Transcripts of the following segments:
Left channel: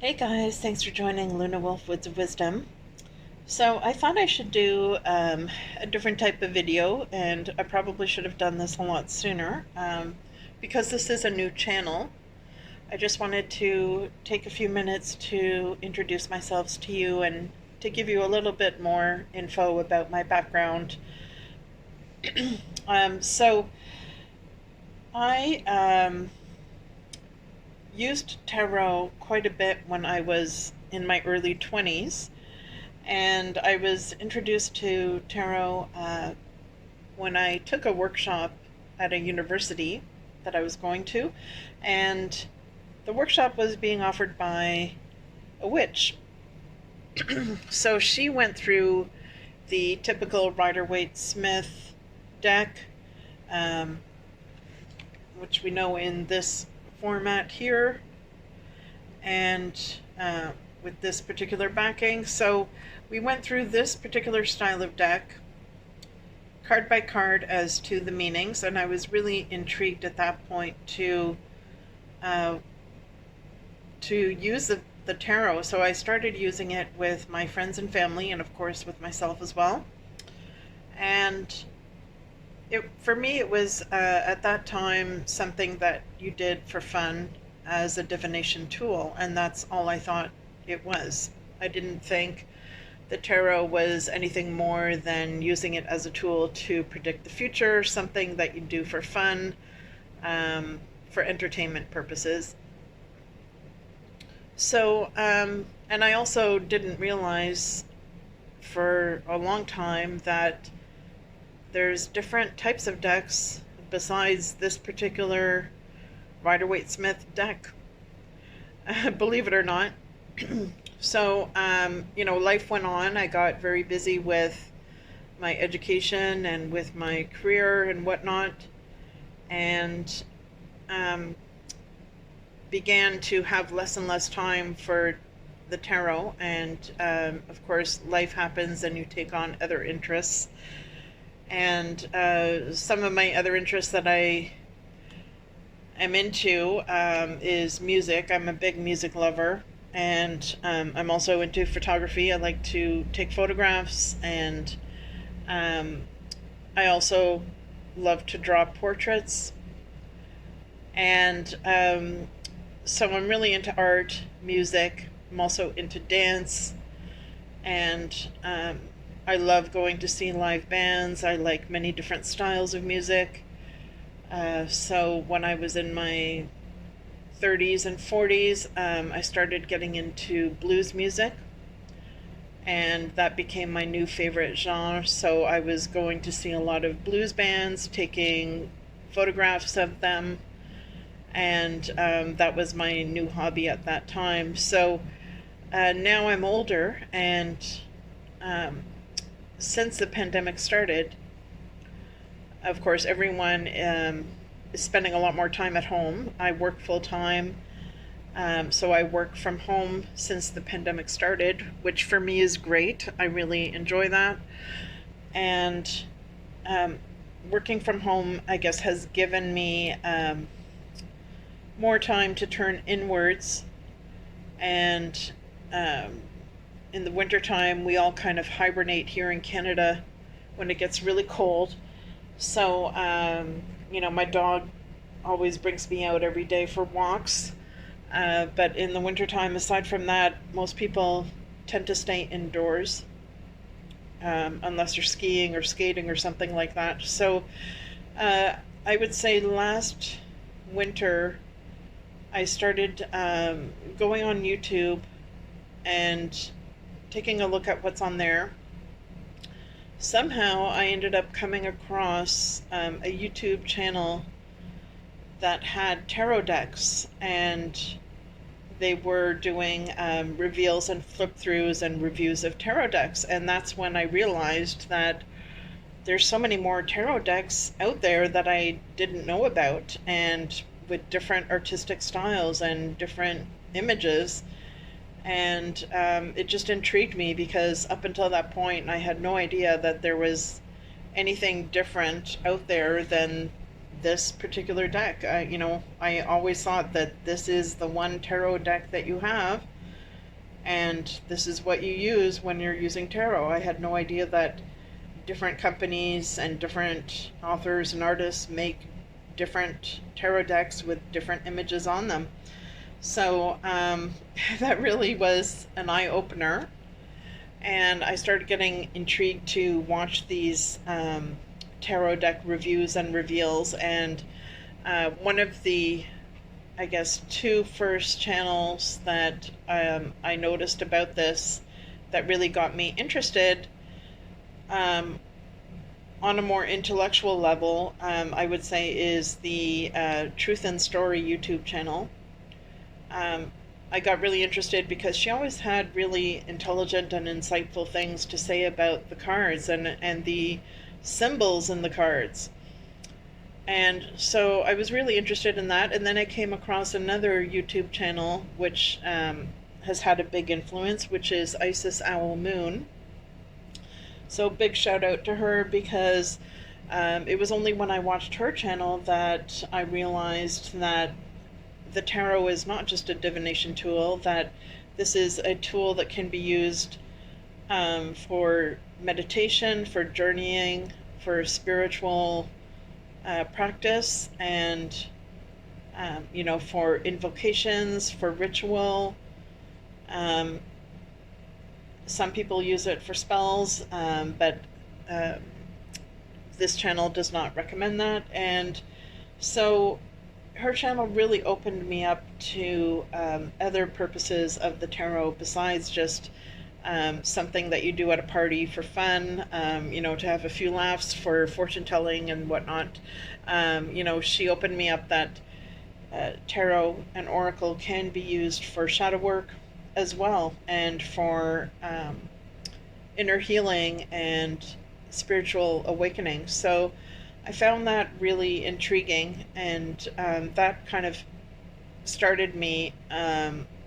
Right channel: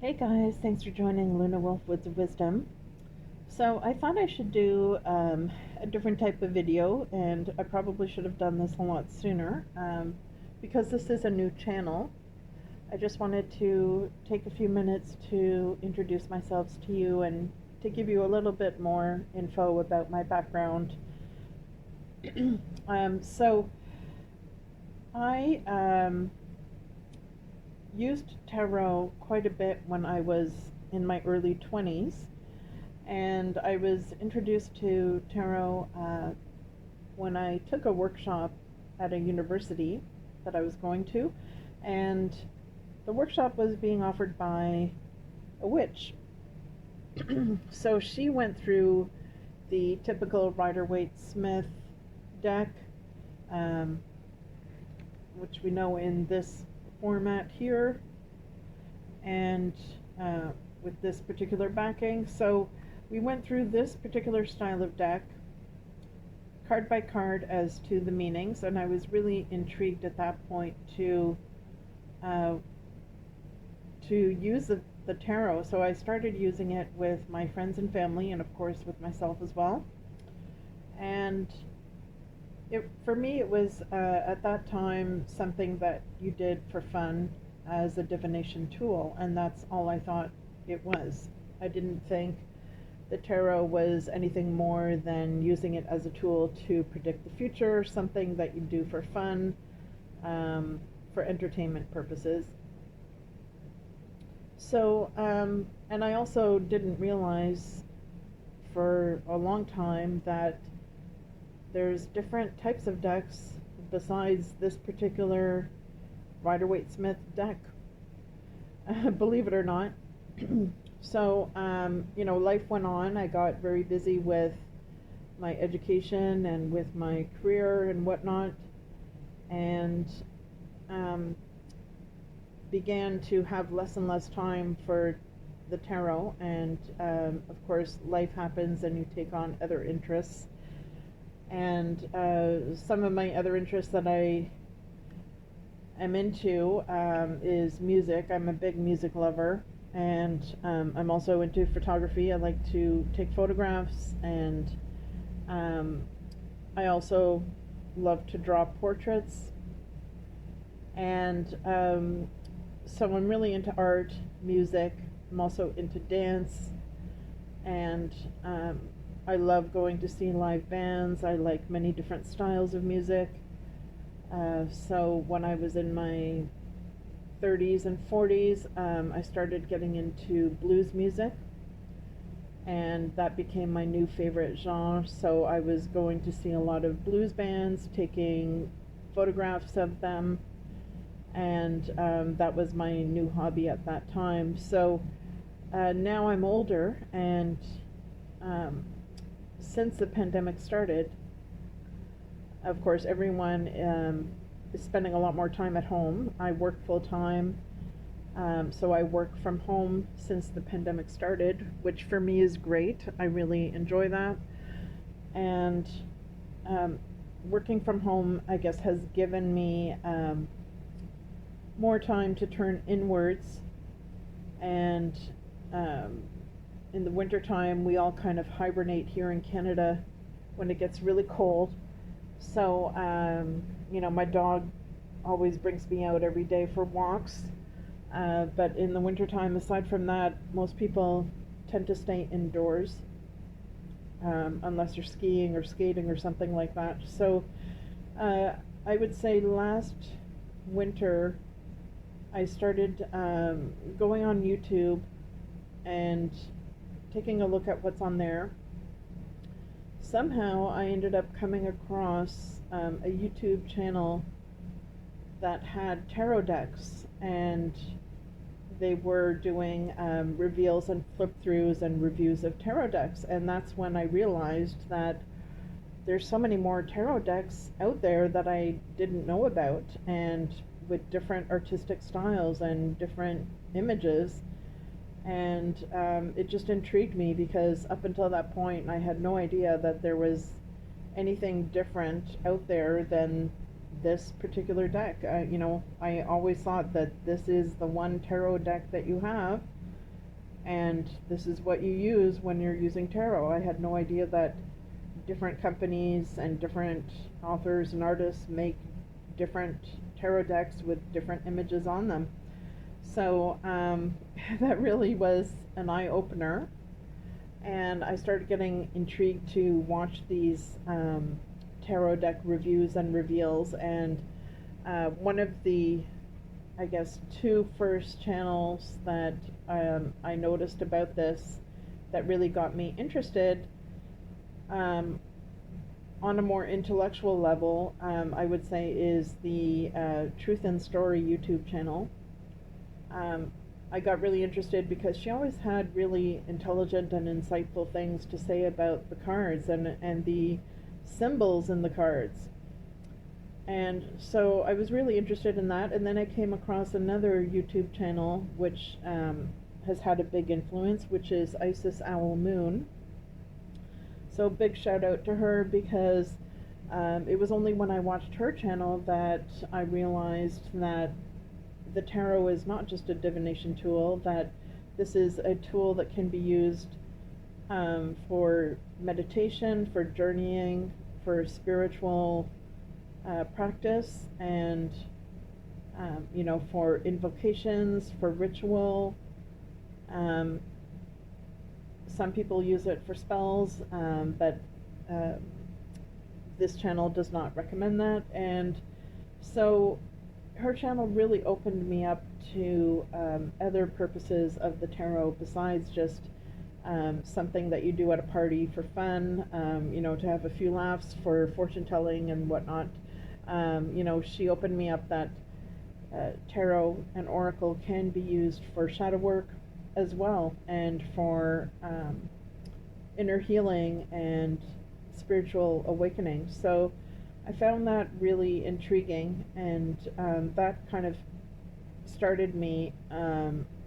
Hey guys, thanks for joining Luna Wolf Woods of Wisdom. So I thought I should do a different type of video, and I probably should have done this a lot sooner because this is a new channel. I just wanted to take a few minutes to introduce myself to you and to give you a little bit more info about my background. So I used tarot quite a bit when I was in my early 20s. And I was introduced to tarot when I took a workshop at a university that I was going to, and the workshop was being offered by a witch. So she went through the typical Rider-Waite-Smith deck, um, which we know in this format here, and with this particular backing. So we went through this particular style of deck, card by card, as to the meanings, and I was really intrigued at that point uh, to use the tarot. So I started using it with my friends and family, and of course with myself as well. And for me, it was at that time something that you did for fun as a divination tool, and that's all I thought it was. I didn't think the tarot was anything more than using it as a tool to predict the future, something that you do for fun, for entertainment purposes. So, and I also didn't realize for a long time that there's different types of decks besides this particular Rider-Waite-Smith deck. Believe it or not. So, life went on. I got very busy with my education and with my career and whatnot, and began to have less and less time for the tarot. And of course, life happens and you take on other interests. And some of my other interests that I am into is music. I'm a big music lover, and I'm also into photography. I like to take photographs, and I also love to draw portraits. And so I'm really into art, music. I'm also into dance, and I love going to see live bands. I like many different styles of music. So when I was in my 30s and 40s, I started getting into blues music, and that became my new favorite genre. So I was going to see a lot of blues bands, taking photographs of them, and that was my new hobby at that time. So now I'm older, and since the pandemic started, of course, everyone is spending a lot more time at home. I work full time, so I work from home since the pandemic started, which for me is great. I really enjoy that. And working from home, I guess, has given me more time to turn inwards. And in the wintertime, we all kind of hibernate here in Canada when it gets really cold. So, my dog always brings me out every day for walks. But in the wintertime, aside from that, most people tend to stay indoors, unless you're skiing or skating or something like that. So, I would say last winter, I started going on YouTube and taking a look at what's on there. Somehow I ended up coming across a YouTube channel that had tarot decks, and they were doing reveals and flip throughs and reviews of tarot decks. And that's when I realized that there's so many more tarot decks out there that I didn't know about, and with different artistic styles and different images. And it just intrigued me because up until that point, I had no idea that there was anything different out there than this particular deck. I always thought that this is the one tarot deck that you have, and this is what you use when you're using tarot. I had no idea that different companies and different authors and artists make different tarot decks with different images on them. So that really was an eye opener. And I started getting intrigued to watch these tarot deck reviews and reveals. And one of the, I guess, two first channels that I noticed about this that really got me interested um, on a more intellectual level, I would say, is the Truth and Story YouTube channel. Um, I got really interested because she always had really intelligent and insightful things to say about the cards and the symbols in the cards. And so I was really interested in that. And then I came across another YouTube channel which has had a big influence, which is Isis Owl Moon. So big shout out to her because it was only when I watched her channel that I realized that the tarot is not just a divination tool, that this is a tool that can be used for meditation, for journeying, for spiritual practice, and for invocations, for ritual. Um, some people use it for spells, but uh, this channel does not recommend that. And so her channel really opened me up to other purposes of the tarot besides just something that you do at a party for fun, to have a few laughs for fortune telling and whatnot. She opened me up that tarot and oracle can be used for shadow work as well, and for inner healing and spiritual awakening. So I found that really intriguing, and that kind of started me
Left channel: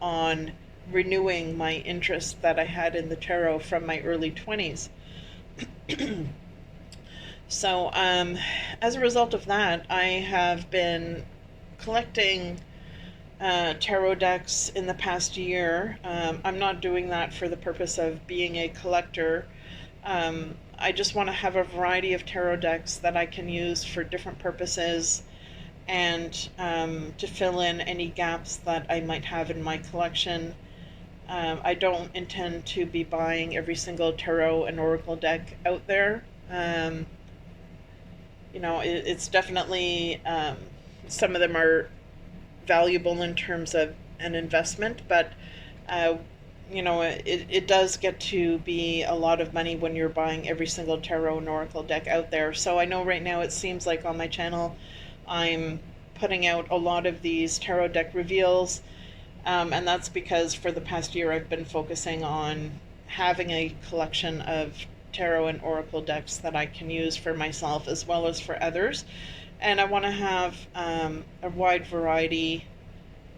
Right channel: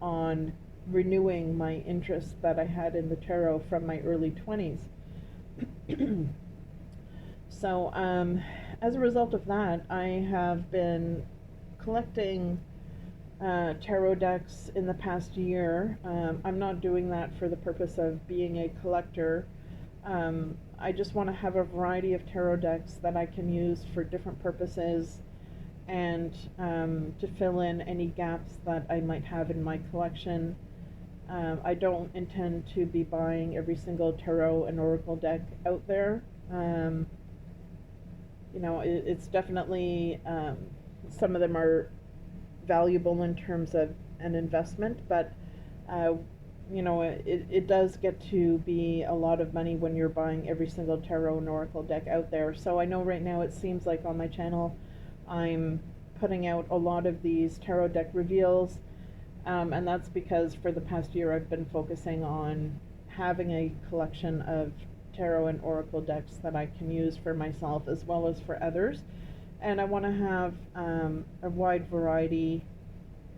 on renewing my interest that I had in the tarot from my early 20s. So, as a result of that, I have been collecting tarot decks in the past year. I'm not doing that for the purpose of being a collector. I just want to have a variety of tarot decks that I can use for different purposes, and to fill in any gaps that I might have in my collection. I don't intend to be buying every single tarot and oracle deck out there. It's definitely, some of them are valuable in terms of an investment, but uh, it does get to be a lot of money when you're buying every single tarot and oracle deck out there. So I know right now it seems like on my channel I'm putting out a lot of these tarot deck reveals, and that's because for the past year I've been focusing on having a collection of tarot and oracle decks that I can use for myself as well as for others. And I want to have a wide variety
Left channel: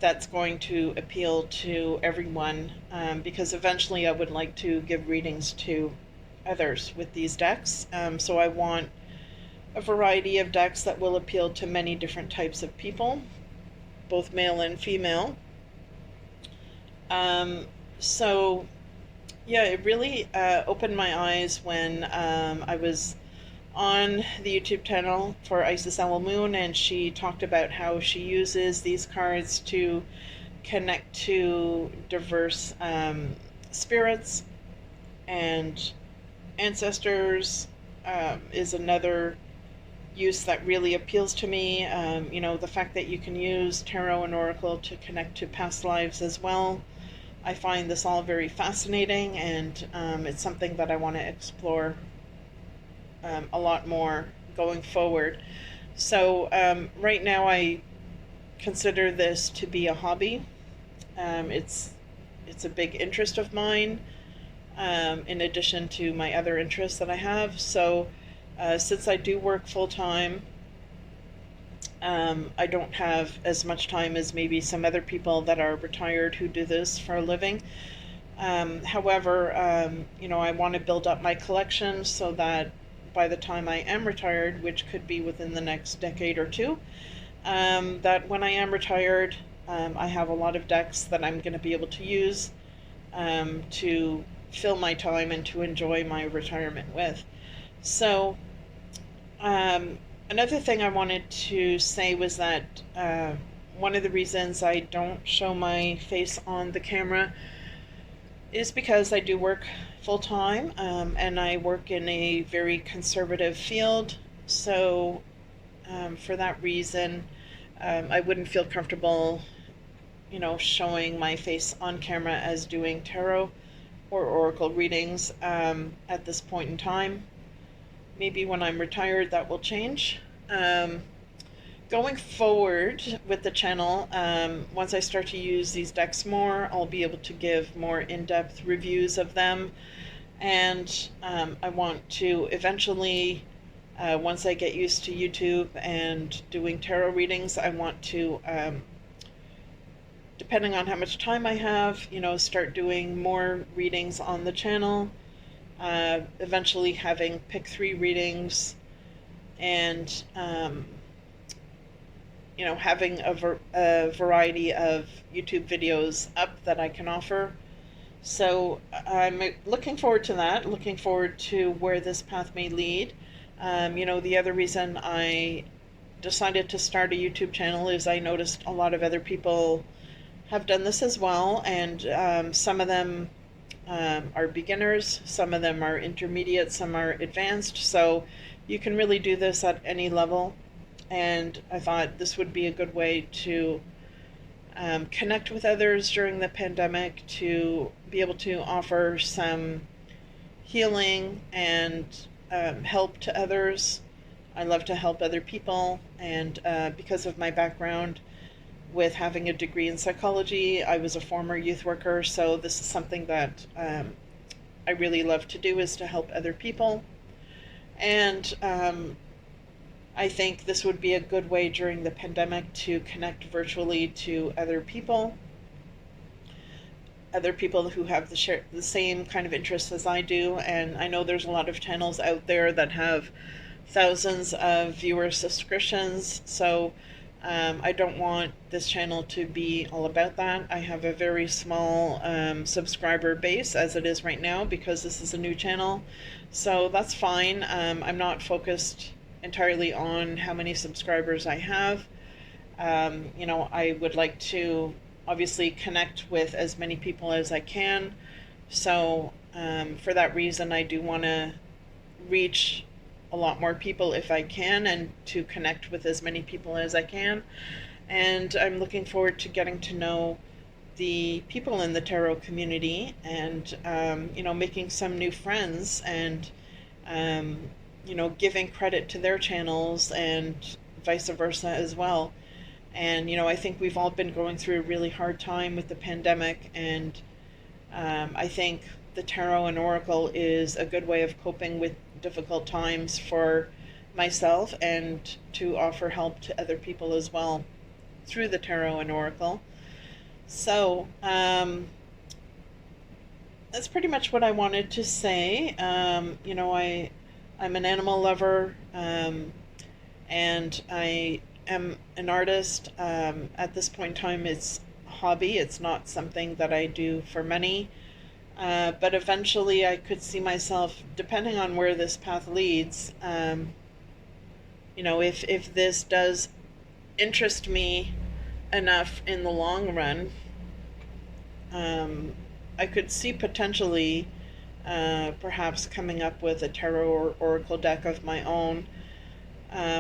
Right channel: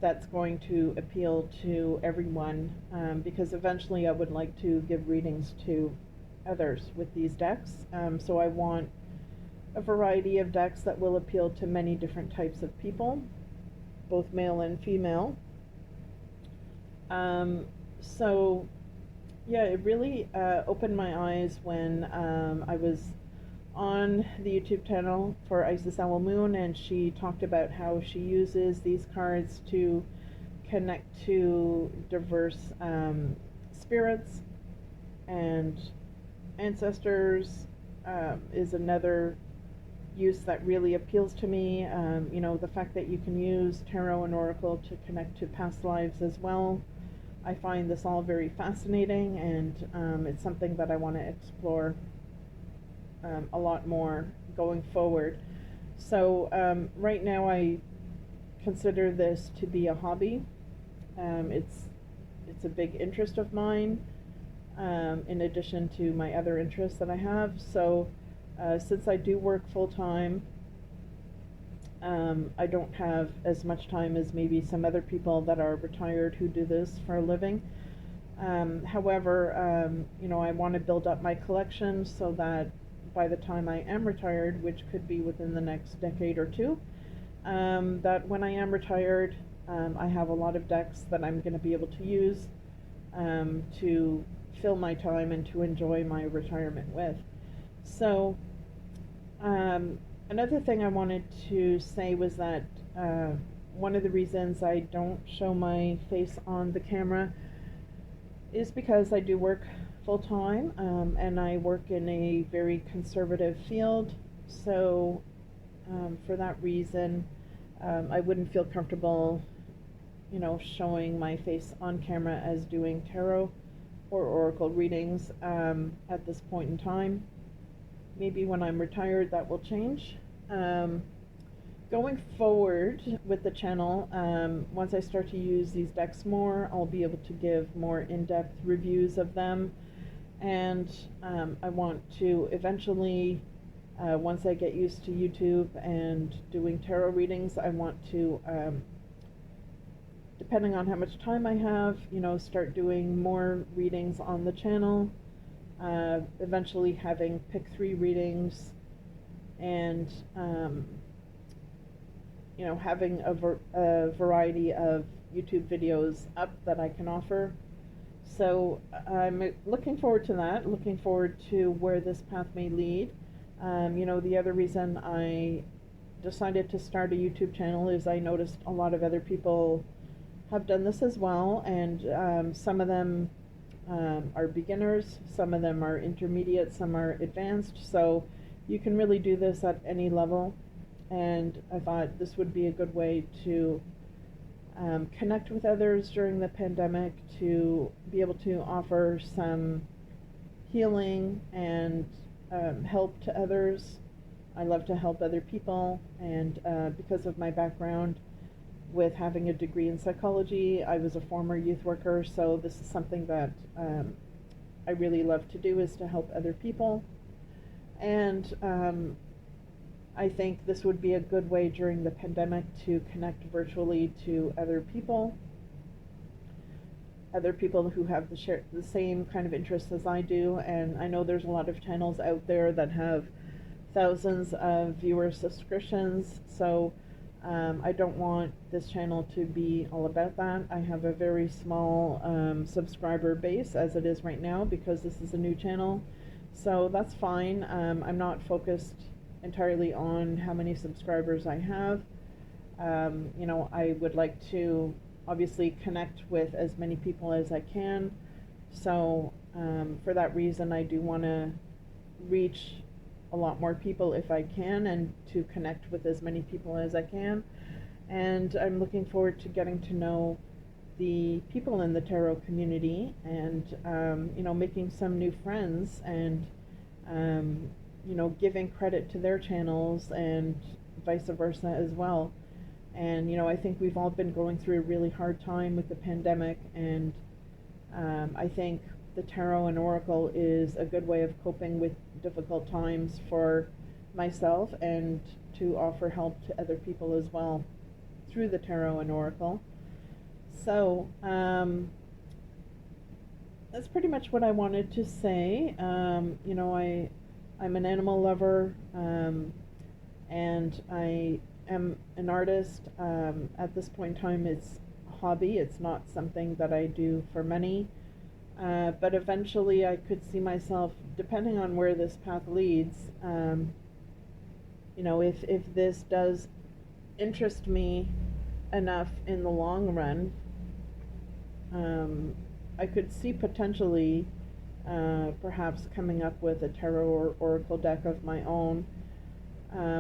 that's going to appeal to everyone, because eventually I would like to give readings to others with these decks. So I want a variety of decks that will appeal to many different types of people, both male and female. So yeah, it really opened my eyes when I was on the YouTube channel for Isis Owl Moon, and she talked about how she uses these cards to connect to diverse spirits and ancestors. Is another use that really appeals to me. The fact that you can use tarot and oracle to connect to past lives as well. I find this all very fascinating, and it's something that I want to explore a lot more going forward. So right now I consider this to be a hobby. It's a big interest of mine, in addition to my other interests that I have. So since I do work full time, I don't have as much time as maybe some other people that are retired who do this for a living. However, I want to build up my collection so that by the time I am retired, which could be within the next decade or two, that when I am retired, I have a lot of decks that I'm going to be able to use to fill my time and to enjoy my retirement with. So, um, another thing I wanted to say was that uh, one of the reasons I don't show my face on the camera is because I do work full time, and I work in a very conservative field. So, for that reason, I wouldn't feel comfortable, showing my face on camera as doing tarot or oracle readings at this point in time. Maybe when I'm retired, that will change. Um, Going forward with the channel, once I start to use these decks more, I'll be able to give more in-depth reviews of them. And I want to eventually, once I get used to YouTube and doing tarot readings, I want to, depending on how much time I have, start doing more readings on the channel. Eventually having pick 3 readings, and having a variety of YouTube videos up that I can offer. So I'm looking forward to that, looking forward to where this path may lead. The other reason I decided to start a YouTube channel is I noticed a lot of other people have done this as well, and some of them are beginners, some of them are intermediate, some are advanced. So you can really do this at any level. And I thought this would be a good way to connect with others during the pandemic, to be able to offer some healing and help to others. I love to help other people, and because of my background with having a degree in psychology, I was a former youth worker, so this is something that I really love to do, is to help other people. And I think this would be a good way during the pandemic to connect virtually to other people who have the same kind of interests as I do. And I know there's a lot of channels out there that have thousands of viewer subscriptions, so I don't want this channel to be all about that. I have a very small subscriber base as it is right now, because this is a new channel, so that's fine. I'm not focused entirely on how many subscribers I have. I would like to obviously connect with as many people as I can. So for that reason, I do want to reach a lot more people if I can, and to connect with as many people as I can. And I'm looking forward to getting to know the people in the tarot community, and making some new friends, and giving credit to their channels and vice versa as well. And I think we've all been going through a really hard time with the pandemic, and I think the tarot and oracle is a good way of coping with difficult times for myself, and to offer help to other people as well through the tarot and oracle. So that's pretty much what I wanted to say. I'm an animal lover, and I am an artist. At this point in time, it's a hobby. It's not something that I do for money. But eventually I could see myself, depending on where this path leads, if this does interest me enough in the long run, I could see potentially perhaps coming up with a tarot or oracle deck of my own.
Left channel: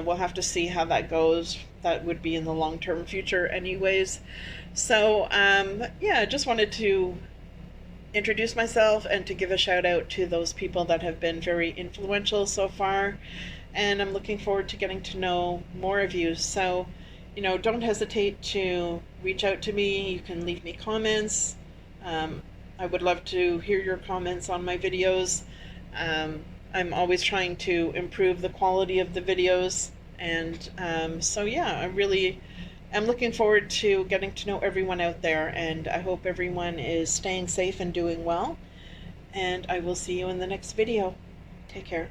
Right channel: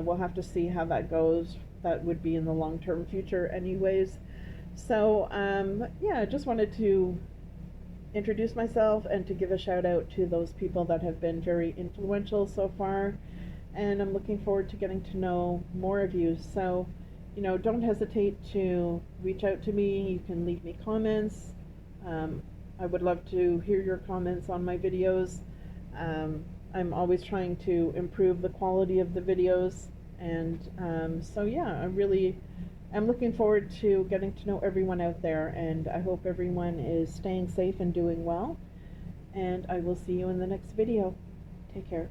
We'll have to see how that goes. That would be in the long-term future anyways. So I just wanted to introduce myself and to give a shout out to those people that have been very influential so far, and I'm looking forward to getting to know more of you. So don't hesitate to reach out to me. You can leave me comments. I would love to hear your comments on my videos. I'm always trying to improve the quality of the videos, and I'm looking forward to getting to know everyone out there, and I hope everyone is staying safe and doing well, and I will see you in the next video. Take care.